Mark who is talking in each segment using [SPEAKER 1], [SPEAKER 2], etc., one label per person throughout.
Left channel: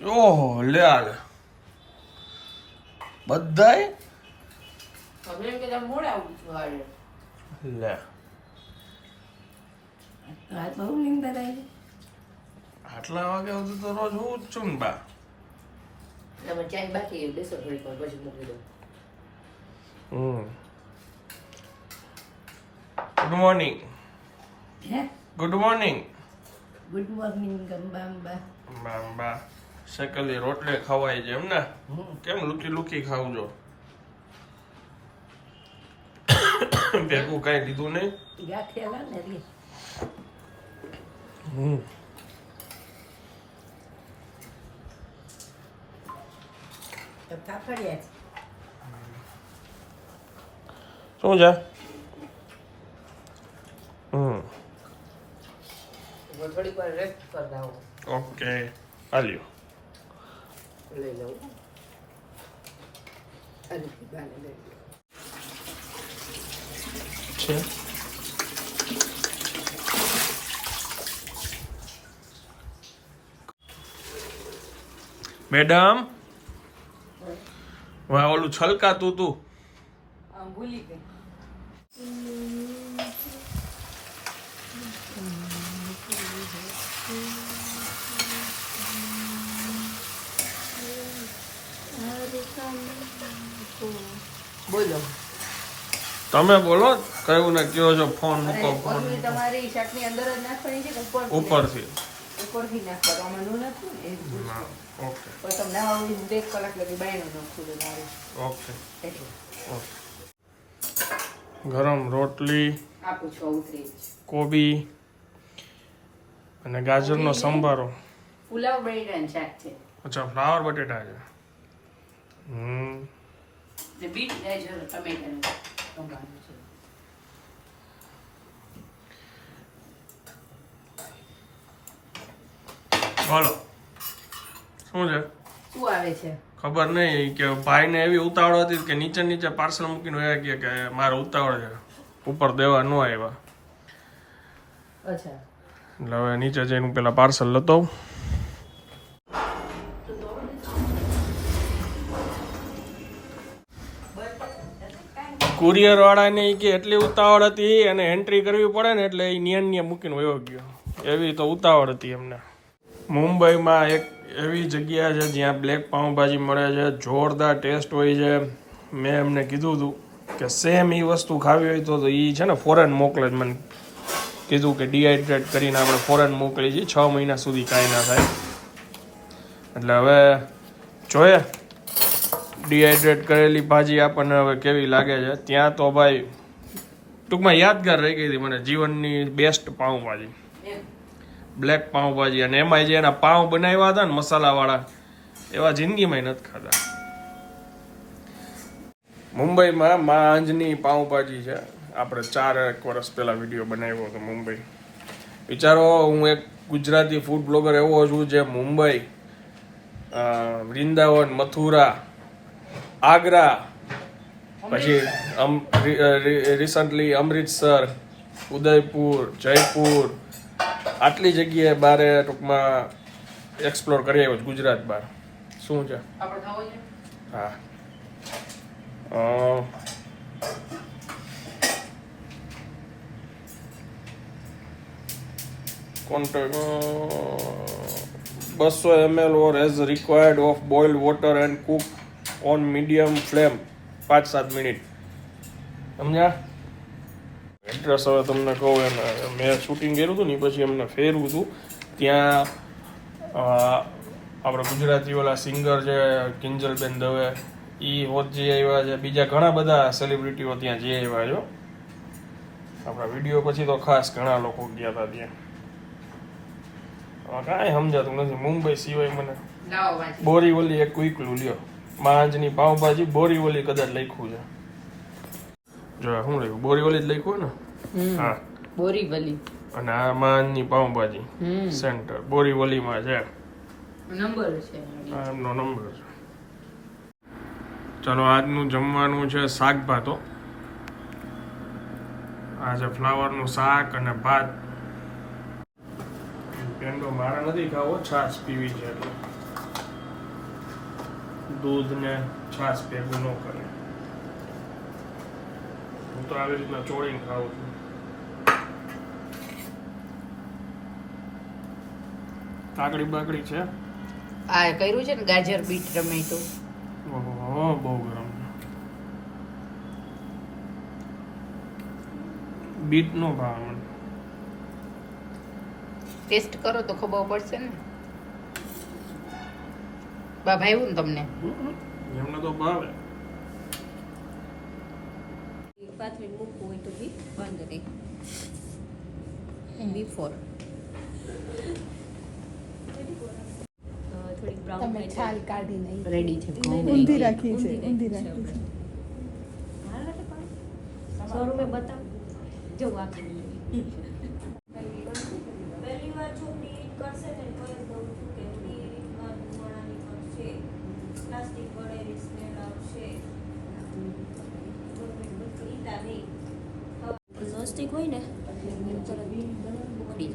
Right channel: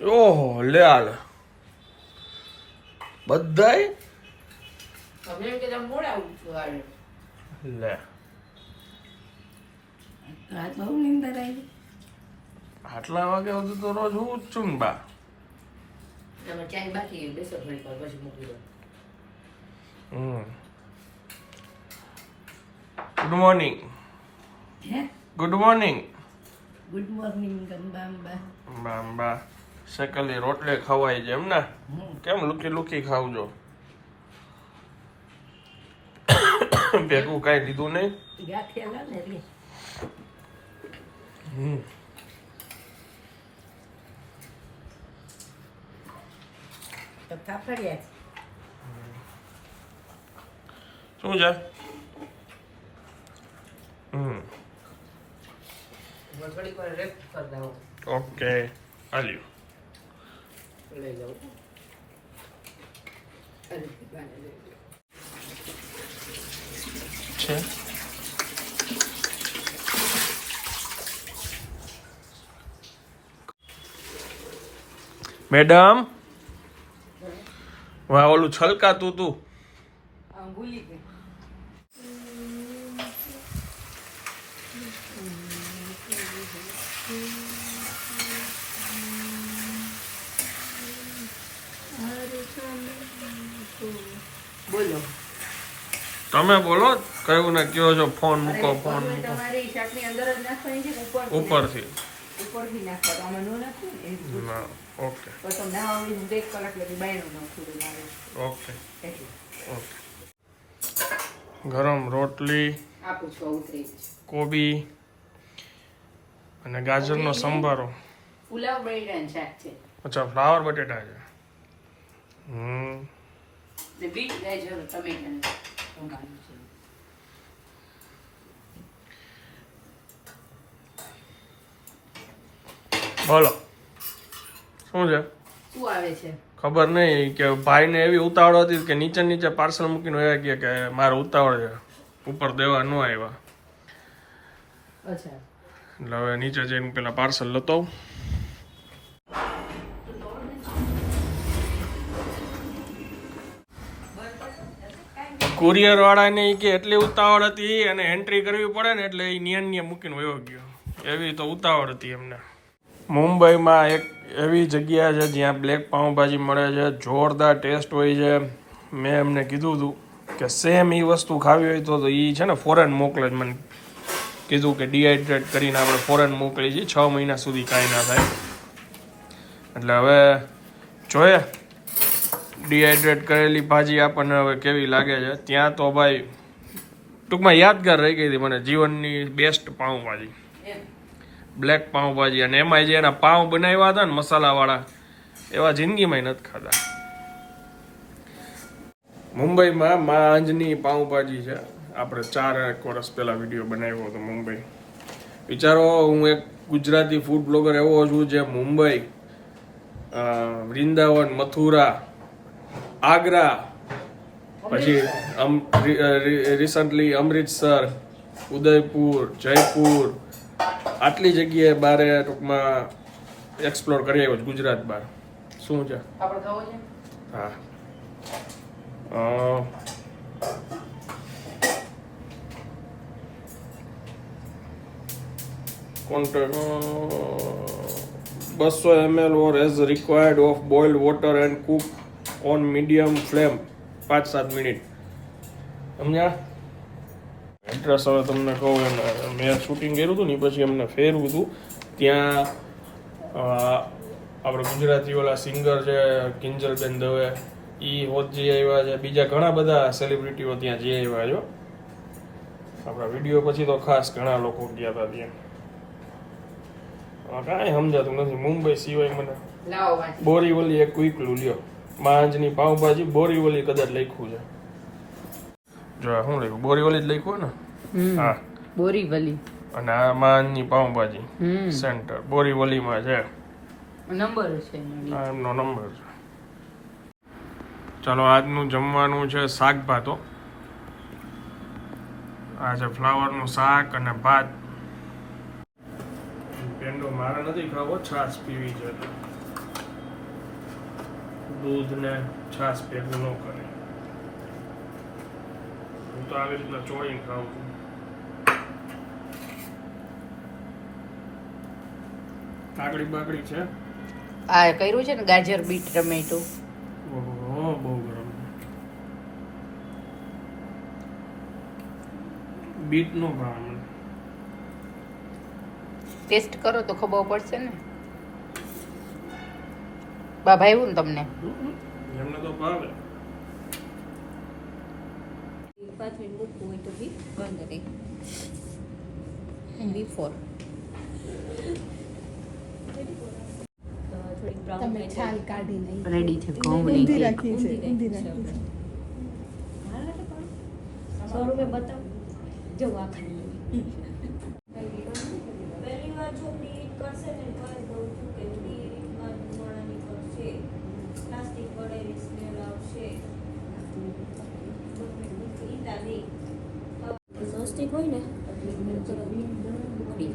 [SPEAKER 1] ઓહો લે આલે બધાય? લે. આટલા વાગે સુધી તો રોજ હું જ છું ને બા. ગુડ મોર્નિંગ
[SPEAKER 2] હે?
[SPEAKER 1] ગુડ મોર્નિંગ
[SPEAKER 2] ગુડ મોર્નિંગ બામ્બા
[SPEAKER 1] બા બા શેકેલી રોટલી ખવાય છે એમ ને કેમ લુકી લુકી ખાવજો ભેગું કાંઈ લીધું નહીં? હમ. શું છે? હમ. ઓકે હાલ્યો.
[SPEAKER 2] લઈ લઉં અને ગાને લઈ લઉં
[SPEAKER 1] છે મેડમ વાહ ઓલું છલકાતું તું
[SPEAKER 2] આમ ભૂલી ગઈ બોલો.
[SPEAKER 1] તમે બોલો કયું ને કયો છો ફોન મૂકો ફોન
[SPEAKER 2] તમારી શાકની અંદર જ નાખવાની છે ઉપર
[SPEAKER 1] ઉપરથી?
[SPEAKER 2] નાખવાનું નો
[SPEAKER 1] ઓકે.
[SPEAKER 2] તો તમને હું એક કલાક લગી બાયણું નાખું તો મારે.
[SPEAKER 1] ઓકે. ઓકે. ગરમ રોટલી
[SPEAKER 2] આપું છું ઉતરી
[SPEAKER 1] કોબી અને ગાજરનો સંભારો.
[SPEAKER 2] પુલાવ બટેટાનું શાક છે.
[SPEAKER 1] અચ્છા ફ્લાવર બટેટા છે. હમ.
[SPEAKER 2] ને બીટ ગાજર ટમેટાનું સંભાળ્યું છે.
[SPEAKER 1] બોલો. શું છે?
[SPEAKER 2] શું આવે છે?
[SPEAKER 1] ખબર નહીં કે ભાઈને એવી ઉતાવળ હતી કે નીચે નીચે પાર્સલ મૂકીને આવ્યા કે કે મારે ઉતાવળ છે. ઉપર દેવા ન આવ્યા.
[SPEAKER 2] અચ્છા.
[SPEAKER 1] એટલે હવે નીચે જઈને પેલા પાર્સલ લેતો. કુરિયર વાળાને કે એટલી ઉતાવળ હતી અને એન્ટ્રી કરવી પડે ને એટલે એ નિયન નિયમ મૂકીને વયો ગયો. એવી તો ઉતાવળ હતી એમને. મુંબઈમાં એક એવી જગ્યા છે જ્યાં બ્લેક પાઉંભાજી મળે છે, જોરદાર ટેસ્ટ હોય છે. મેં એમને કીધું હતું કે સેમ એ વસ્તુ ખાવી હોય તો એ છે ને ફોરેન મોકલે જ મને. કીધું કે ડિહાઇડ્રેટ કરીને આપણે ફોરેન મોકલી છીએ છ મહિના સુધી કાંઈ ના થાય. એટલે હવે જોઈએ. ડિહાઈડ્રેટ કરેલી ભાજી આપણને હવે કેવી લાગે છે? ત્યાં તો ભાઈ ટૂંકમાં યાદગાર રહી ગઈ હતી મને જીવનની બેસ્ટ પાઉંભાજી બ્લેક પાઉંભાજી અને એમાં જે એના પાઉં બનાવ્યા હતા ને મસાલાવાળા એવા જિંદગીમાં નથી ખાધા. મુંબઈમાં મા અંજની પાઉંભાજી છે. આપણે ચાર એક વર્ષ પહેલા વીડિયો બનાવ્યો હતો મુંબઈ. વિચારો હું એક ગુજરાતી ફૂડ બ્લોગર એવો છું જે મુંબઈ વૃંદાવન મથુરા આગ્રા. પછી રિસન્ટલી અમૃતસર ઉદયપુર જયપુર આટલી જગ્યાએ બારે ટૂંકમાં એક્સપ્લોર કરી આવ્યો છું ગુજરાત બહાર શું છે? હા. contact બસો ML or as required of boiled water and cook on medium flame પાંચ સાત મિનિટ. સમજ્યા? એડ્રેસ હવે તમને કહું એને મેં શૂટિંગ કર્યું હતું ને પછી એમને ફેરવું હતું ત્યાં આપણે ગુજરાતી ઓલા સિંગર છે કિંજલબેન દવે એ હોત જે આવ્યા છે બીજા ઘણા બધા સેલિબ્રિટીઓ ત્યાં જે આવ્યા છો આપણા વીડિયો પછી તો ખાસ ઘણા લોકો ગયા હતા ત્યાં. કાંઈ સમજાતું નથી. મુંબઈ સિવાય મને બોરીવલી એક ક્વિકલું લ્યો. માંજની પાવભાજી બોરીવલી કદાચ લખ્યું છે. જો આ શું લખ્યું? બોરીવલી જ લખ્યું ને? હા.
[SPEAKER 2] બોરીવલી.
[SPEAKER 1] અને આ માંજની પાવભાજી
[SPEAKER 2] હમ.
[SPEAKER 1] સેન્ટર. બોરીવલીમાં છે.
[SPEAKER 2] નંબર છે
[SPEAKER 1] એમનો નંબર છે. ચાલો આજનું જમવાનું છે શાક ભાતો આ છે ફ્લાવરનું શાક અને ભાત. પેંડો મારે નથી ખાવો છાશ પીવી છે એટલે. દૂધ ને છાશ ભેગું ન કરે. હું તો આવી રીતના ચોળીને ખાઉં છું. કાકડી બાકડી છે?
[SPEAKER 2] આ કર્યું છે ને ગાજર બીટ ટમેટું.
[SPEAKER 1] ઓહો બહુ ગરમ. બીટ નો ભાવ મને
[SPEAKER 2] ટેસ્ટ કરો તો ખબર પડશે ને. બા ભાવ્યું ને તમને?
[SPEAKER 1] એમને તો ભાવે.
[SPEAKER 3] પાંચ મિનિટ મૂકવું હોય તો બી વાંધો નહીં બિફોર થોડીક બ્રાઉન
[SPEAKER 4] તમે છાલ કાઢી નહીં
[SPEAKER 2] રેડી છે
[SPEAKER 4] ઊંધી રાખી છે ઊંધી રાખી છે
[SPEAKER 3] સો રૂપિયા બતાવ. જો આ ખાલી પહેલી વાર છોકરી કરશે ને તો જ કહું છું કે બધી રીતના ધુમાડાની કરશે પ્લાસ્ટિક વડેલી સ્મેલ આવશે ઈટા નહીં નોસ્ટિક હોય ને ઉખડી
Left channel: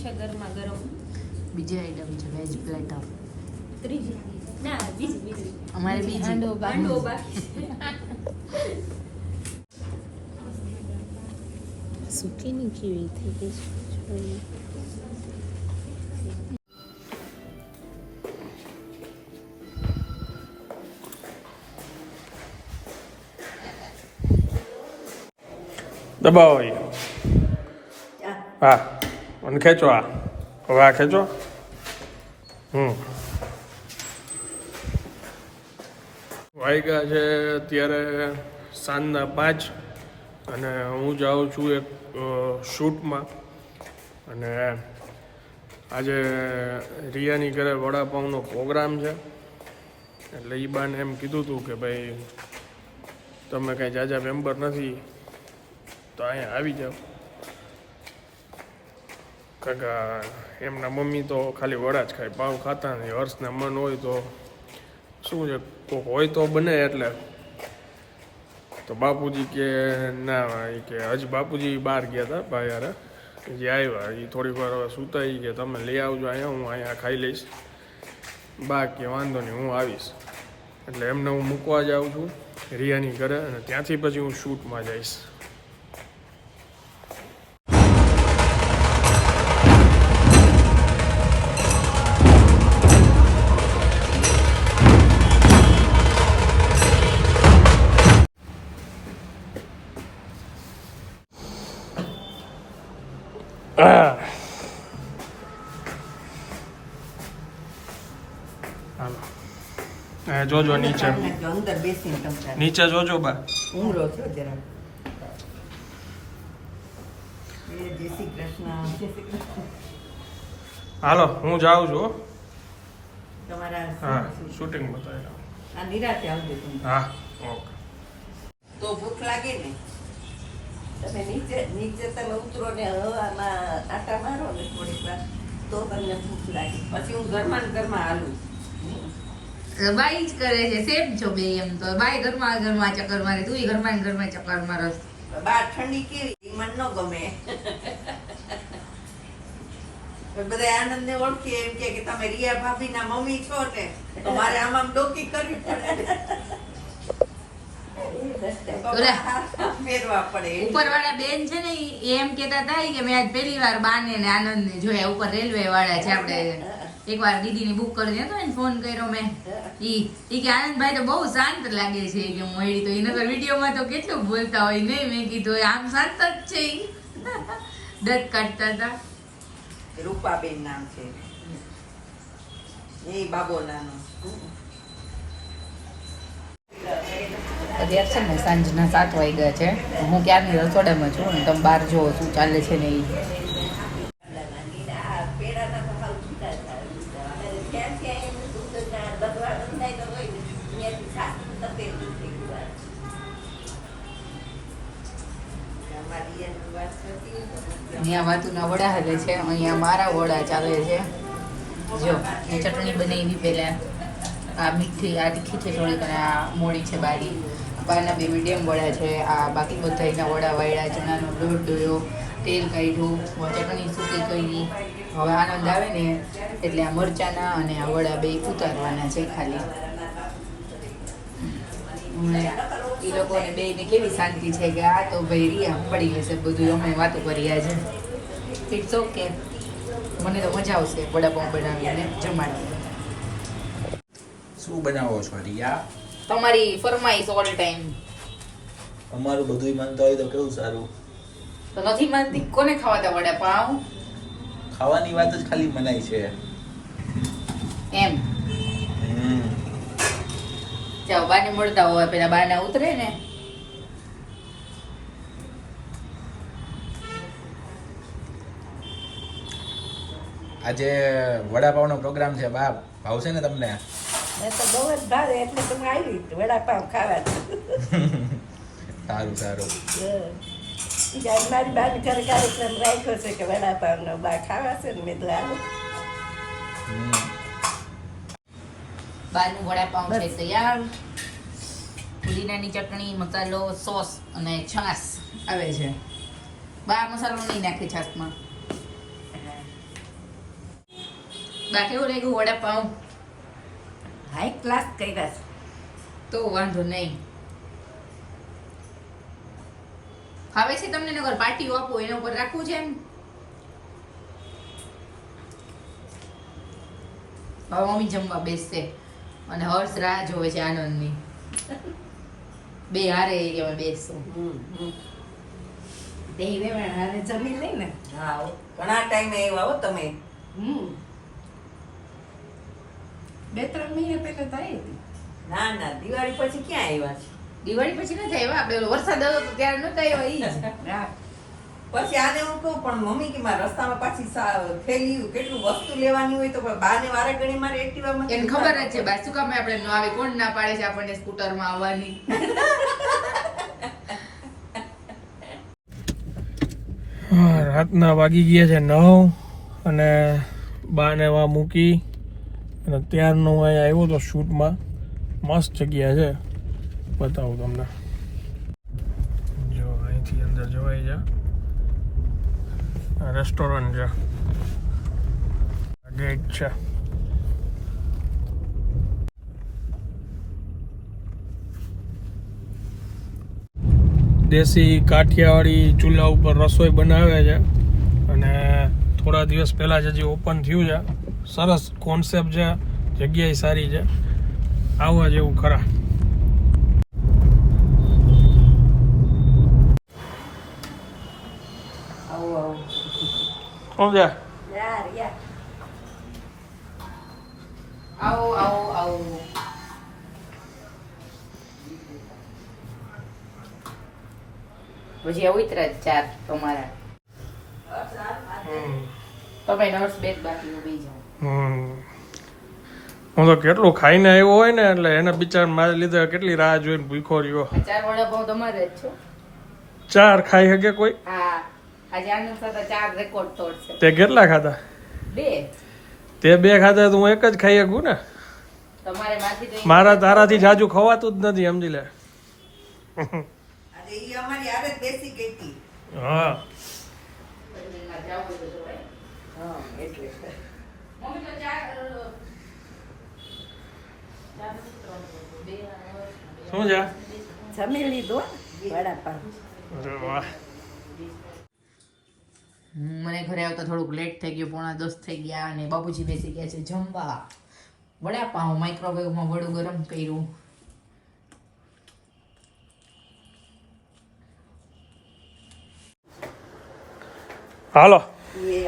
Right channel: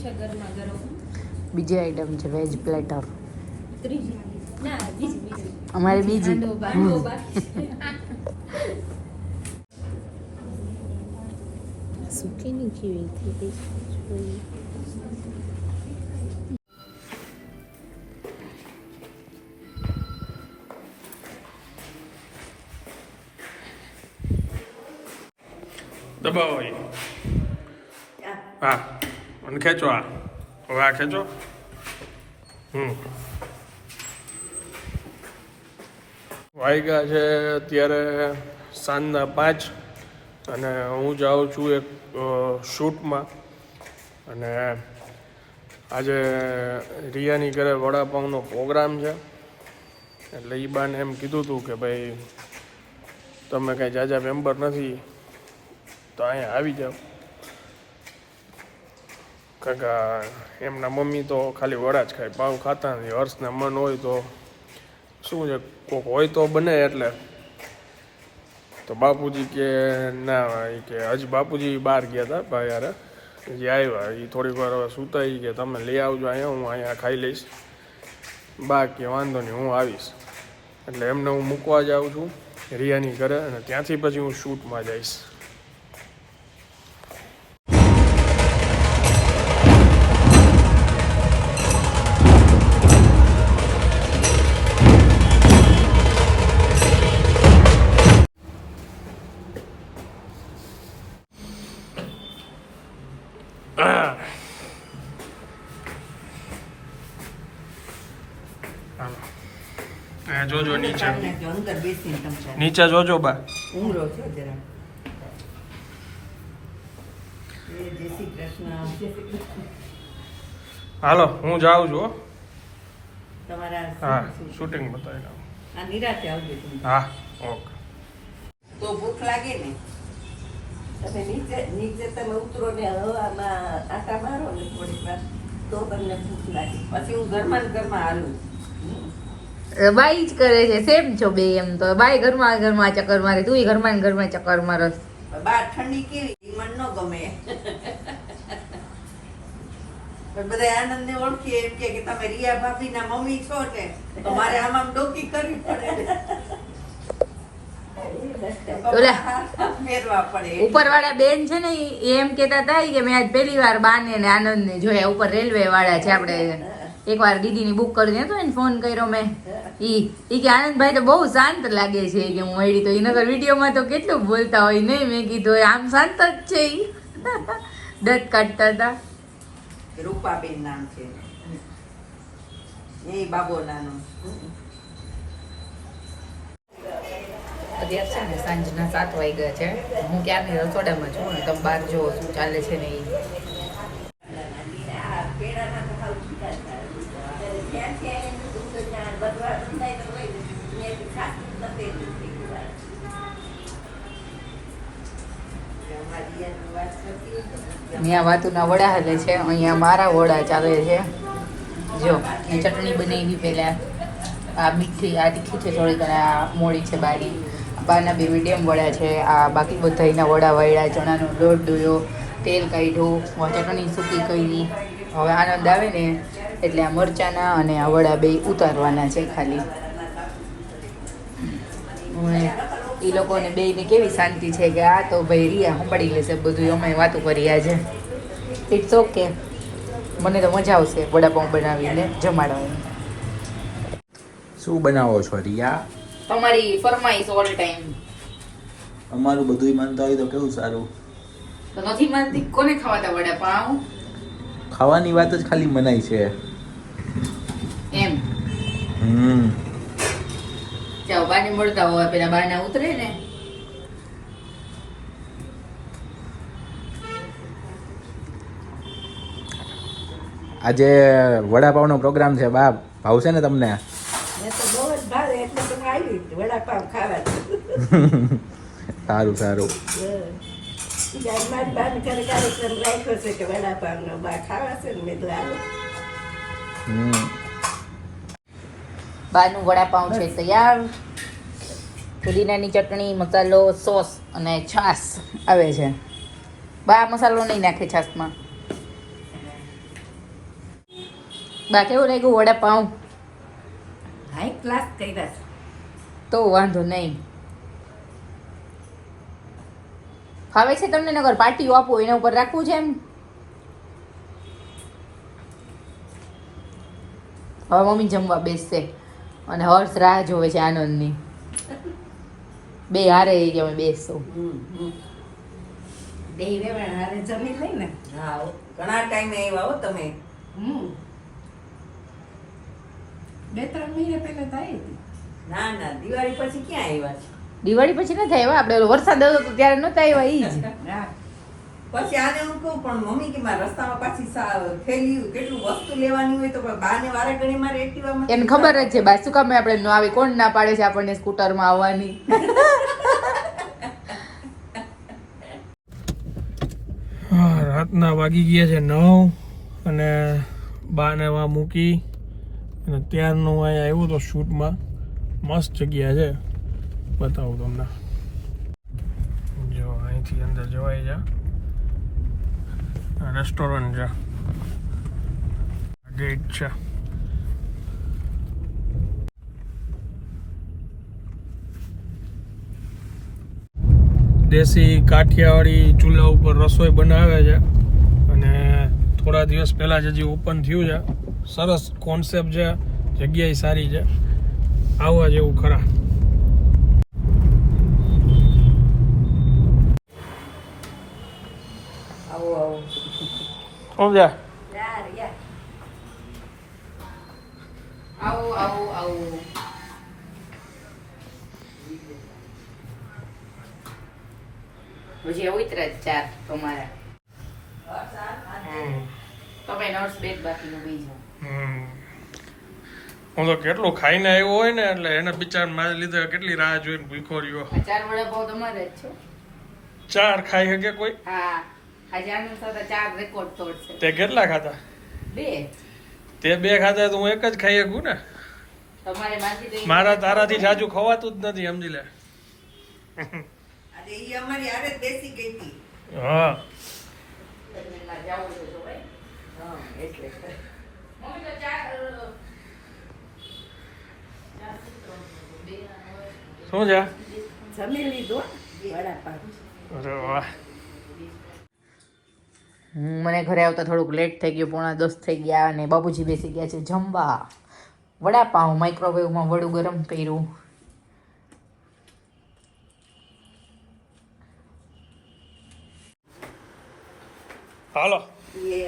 [SPEAKER 3] જાય ગરમા ગરમ.
[SPEAKER 2] બીજી આઈટમ છે વેજ પ્લેટર
[SPEAKER 3] ત્રીજી. ના બીજી બીજી.
[SPEAKER 2] અમારે બીજી
[SPEAKER 3] બાંડો બાકી.
[SPEAKER 4] સુકીની કેવી થઈ ગઈ
[SPEAKER 1] દબાવો ઈ. હા. અને ખેંચો આ. હવે આ ખેંચો. હમ. વાગ્યા છે અત્યારે સાંજના પાંચ અને હું જાઉં છું એક શૂટમાં. અને આજે રિયાની ઘરે વડાપાઉંનો પ્રોગ્રામ છે. એટલે એ બાને એમ કીધું હતું કે ભાઈ તમે કાંઈ જાજા મેમ્બર નથી. તો અહીંયા આવી જાઓ કાકા, એમના મમ્મી તો ખાલી વડા જ ખાય પાવ ખાતા નથી, હર્ષને મન હોય તો શું છે કોક હોય તો બને એટલે. તો બાપુજી કે, ના, એ કે, હજી બાપુજી બહાર ગયા હતા ભાઈ યાર જે આવ્યા, એ થોડીક વાર હવે સૂતા કે, તમે લઈ આવજો અહીંયા, હું અહીંયા ખાઈ લઈશ. બા કે વાંધો નહીં, હું આવીશ. એટલે એમને હું મૂકવા જાઉં છું, રિયાની ઘરે, અને ત્યાંથી પછી હું શૂટમાં જઈશ. જોજો નીચે. જોજો બા.
[SPEAKER 5] ઊંઘરો છો જરા.
[SPEAKER 1] હાલો હું જાઉં છું હો. શૂટિંગ બતાવી હા ઓકે.
[SPEAKER 5] તો ભૂખ લાગે ને? તમે નીચે નીચે તમે ઉતરો ને હવામાં આટા મારો ને થોડીક વાર તો તમને ભૂખ લાગે. પછી હું ઘરમાં ઘરમાં હાલું.
[SPEAKER 2] બાઈ જ કરે છે સેમ છો બે એમ તો. બાઈ ઘરમાં ઘરમાં ચક્કર મારે તું ઘરમાં ઘરમાં ચક્કર મારસ
[SPEAKER 5] બહાર ઠંડી કેવી? મન ન ગમે. બધા આનંદ ને ઓળખી એમ કે તમે રિયા ભાભી ના મમ્મી છો ને તો મારે આમાં આમ ડોકી કરવી પડે.
[SPEAKER 2] ઉપરવાળા બેન છે ને એમ કેતા હતા કે મેં આજ પહેલી વાર બાને ને આનંદ ને જોયા ઉપર રેલવે વાળા છે આપણે. એકવાર દીદીની બુક કરી દેતો એને ફોન કર્યો મેં. ઈ ઈ કે આનંદભાઈ તો બહુ શાંત લાગે છે કે હું મળી તો એના વિડીયોમાં તો કેટલું બોલતા હોય નહીં મેં કીધું આમ શાંત જ છે ઈ. દંત કાઢતા હતા.
[SPEAKER 5] રૂપાબેન નામ છે. એ બાબો નાનો.
[SPEAKER 2] અત્યારે છે ને સાંજના સાત વાગ્યા છે. હું ક્યારની રસોડામાં છું ને તમે બહાર જુઓ શું ચાલે છે ને ત્યાં વાતુના વડા હાલે છે. અહીંયા મારા વડા ચાલે છે. જો ચટણી બનાવી પહેલા. આ મીઠી આ તીખી છે થોડીક અને આ મોડી છે બારી. બારના બે મીડિયમ વડા છે, આ બાકી બધાના વડા વળ્યા ચણાનો લોટ દોયો તેલ કાઢ્યું ચટણી સૂકી કરી. હવે આનંદ આવે ને, એટલે આ મરચાના અને આ વડા બે ઉતારવાના છે ખાલી. એ લોકોને બેને કેવી શાંતિ છે કે આ તો ભાઈ રિયા સંભાળી લેશે બધું, અમે વાતો કરી આજે. ઇટ્સ ઓકે મને તો મજા આવશે વડાપાઉં બનાવીને જમાડવાની.
[SPEAKER 6] શું બનાવો છો રિયા?
[SPEAKER 2] તમારી ફરમાઈશ ઓલ ટાઈમ
[SPEAKER 6] અમારું બધું માનતા હોય તો કેવું સારું?
[SPEAKER 2] તો નથી માનતી? કોને ખાવાતા વડાપાઉં
[SPEAKER 6] ખાવાની વાત જ ખાલી મનાઈ છે.
[SPEAKER 2] એમ?
[SPEAKER 6] હમ.
[SPEAKER 2] જાઓ બાને મળતા હોય પેલા બાના ઉતરે ને.
[SPEAKER 6] આજે વડાપાવનો પ્રોગ્રામ છે બાપ. ભાવશે ને તમને?
[SPEAKER 5] મેં તો બહુ જ ભાવે એટલે તો આવી વડાપાવ ખાવા
[SPEAKER 6] સારું સારું.
[SPEAKER 5] મારી બાને ઘરે કાર્યક્રમ રાખ્યો છે કે વડાપાવનો બા ખાવા છે ને મેં તો આવું
[SPEAKER 2] બાનું વડાપાઉં છે તૈયાર. પુદીનાની ચટણી મસાલો સોસ અને છાશ આવે છે. બા મસાલો નહીં નાખે છાશમાં. બા કેવું લાગ્યું વડાપાઉં
[SPEAKER 5] હાઈ ક્લાસ કર્યા છે
[SPEAKER 2] તો વાંધો નહીં. ફાવે છે તમને નગર પાર્ટીઓ આપો એના ઉપર રાખવું છે એમ? હવે મમ્મી જમવા બેસશે અને હર્ષ રાહ જોવે છે આનંદની. બે હારે એ અમે બેસશું
[SPEAKER 5] બે વેવાણ હારે જમી લઈ ને
[SPEAKER 7] હા ઘણા ટાઈમે આવ્યા હો તમે.
[SPEAKER 5] હમ. બે ત્રણ મહિના પહેલા તો આવી હતી.
[SPEAKER 7] ના ના દિવાળી પછી ક્યાં આવ્યા છે?
[SPEAKER 2] દિવાળી પછી નથી આવ્યા આપણે વરસાદ આવ્યો તો ત્યારે નહોતા આવ્યા
[SPEAKER 5] એ
[SPEAKER 7] પછી આને હું કહું પણ મમ્મી કે મારા રસ્તામાં પાછી થેલી કેટલું વસ્તુ લેવાની હોય તો બાને વારે ઘડી મારે એક્ટિવામાં
[SPEAKER 2] એને ખબર જ છે બા શું કામ આપણે ન આવે કોણ ના પાડે છે આપણને સ્કૂટરમાં આવવાની?
[SPEAKER 1] હા, રાતના વાગી ગયા છે નવ અને બાને વા મૂકી. અને ત્યારનું અહીંયા આવ્યો તો શૂટમાં મસ્ત જગ્યા છે. બતાવું તમને. જો, અહીંથી અંદર જવાય છે રેસ્ટોરન્ટ છે. ગેટ છે. દેશી કાઠિયાવાડી ચૂલા ઉપર રસોઈ બનાવે છે. અને થોડા દિવસ પહેલાં જ હજી ઓપન થયું છે. સરસ કોન્સેપ્ટ છે જગ્યાએ સારી છે. આવવા જેવું ખરા.
[SPEAKER 5] આવો આવો.
[SPEAKER 1] સમજ્યા
[SPEAKER 5] યાર યાર
[SPEAKER 2] આવો આવો આવો. ચાર તમારા.
[SPEAKER 1] હમ.
[SPEAKER 2] તમે નર્સ બેગ બાકી ઊભી જાઓ.
[SPEAKER 1] હું તો કેટલું ખાઈને આવ્યો હોય ને એટલે એને બિચાર મારી લીધે કેટલી રાહ જોઈને ભૂખો રહ્યો.
[SPEAKER 2] ચાર વડાપાઉં તમારે જ છો
[SPEAKER 1] ચાર ખાઈ શકે કોઈ?
[SPEAKER 2] હા. આજે આનંદ સાથે ચાર રેકોર્ડ તોડશે.
[SPEAKER 1] તે કેટલા ખાધા?
[SPEAKER 2] બે.
[SPEAKER 1] તે બે ખાધા તો હું એક જ ખાઈ શકું ને?
[SPEAKER 2] તમારે માથી તો
[SPEAKER 1] મારા તારાથી જાજુ ખવાતું જ નથી સમજી લે.
[SPEAKER 7] અરે ઈ અમારી આરે બેસી ગઈ હતી.
[SPEAKER 1] હા.
[SPEAKER 7] હા એટલે.
[SPEAKER 1] શું છે?
[SPEAKER 5] જમી લીધો વડાપાવ
[SPEAKER 1] અરે વાહ.
[SPEAKER 2] મને ઘરે આવતા થોડુંક લેટ થઈ ગયું પોણા દસ થઈ ગયા અને બાબુજી બેસી ગયા છે જમવા. વડાપાઉં માઇક્રોવેવમાં વડું ગરમ કર્યું.
[SPEAKER 1] હાલો.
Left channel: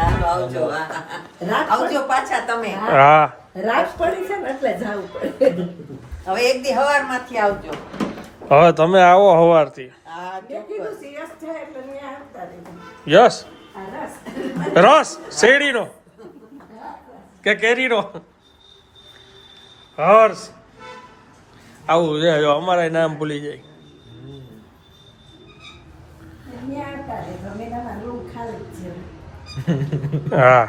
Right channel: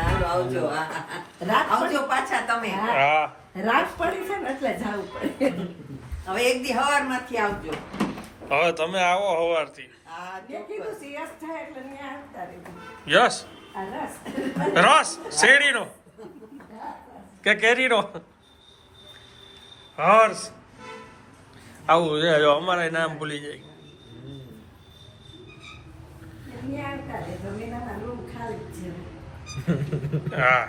[SPEAKER 7] હાલો આવજો.
[SPEAKER 5] રાત
[SPEAKER 7] આવજો પાછા તમે.
[SPEAKER 1] હા.
[SPEAKER 5] રાત પડી છે ને એટલે જવું પડે.
[SPEAKER 7] હવે એક દી હવારમાંથી આવજો.
[SPEAKER 1] હવે તમે આવો સવારથી
[SPEAKER 7] હા
[SPEAKER 5] મેં કીધું સિરિયસ થાય એટલે મેં આવતા રહી
[SPEAKER 1] યસ.
[SPEAKER 5] રસ.
[SPEAKER 1] શેરીનો કે કેરીનો. હર્ષ. આવું છે જો અમારા નામ ભૂલી જાય. હા.